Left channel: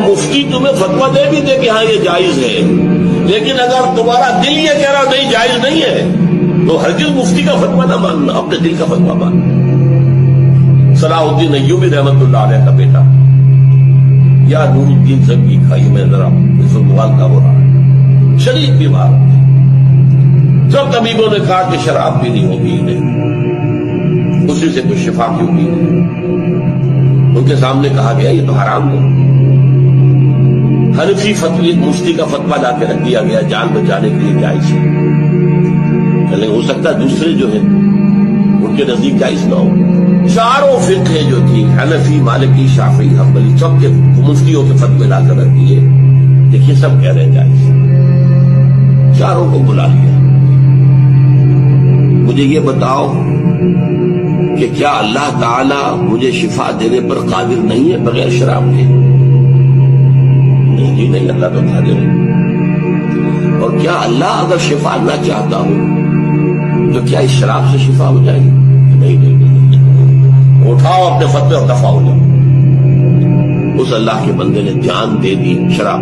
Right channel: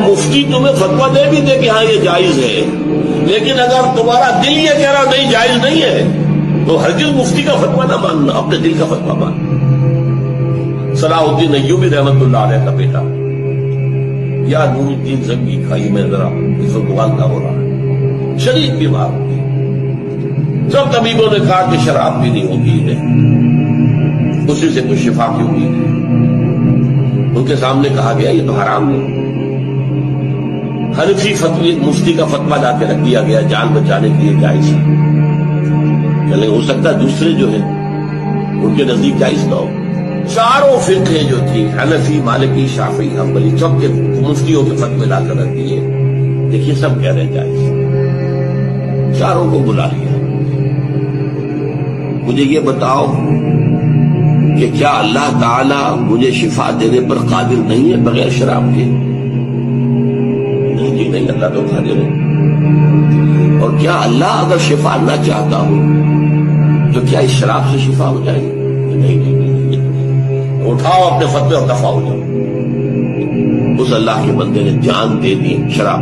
مفتی تمہیں فتویٰ دے بھی دے کہ ہاں یہ جائز ہے، لیکن اگر تمہارا دل یہ کہہ رہا نہیں جائز نہیں ہے تو ہرگز مفتی کا فتویٰ نہ ماننا، اپنے دل کا فتویٰ ماننا۔ صلاح الدین ایوبی رحمت اللہ علیہ کا بیٹا یا نور الدین زنگی کا، یہ میں ذرا اس وقت والدہ ہو رہا ہے، شدید بیمار ہوتے، سب طبیبوں نے کہا کہ شراب بھی نہیں ہوگی، نہیں اسی سے کچھ شفا کی امید ہے۔ ان کے سامنے کہا گیا یہ تو حرام ہے۔ حنفی فتوی مفتی کا فتویٰ لا کے رکھ دیا گیا، جان بچانے کے لیے جائز ہے، چلے ہو سکتا ہے دوسرے جو ہے ان کے نزدیک جائز نہ ہو۔ چاروں فقہ جو تھی حنفی، مالکی، شافعی، حنبلی، سب کے مفتیوں کے فتوے لا کر رکھ دیے، دیکھیے سب کہہ رہے ہیں جائز، چاروں کو بلا لیا۔ مجھے یہ بتاؤ کہ کیا اللہ تعالی مجھے شفا دینے پر قادر نہیں ہے بغیر شراب کے؟ نہیں جی نہیں، اللہ تو قادر ہے۔ اور کیا اللہ اگر شفا نہ چاہتا ہو تو کیا اس شراب سے شفا ہو جائے گی؟ نہیں نہیں نہیں، اٹھاؤ اپنے فتوے اور دفع ہو جاؤ۔ اس اللہ کے بندے نے جان دے دی شراب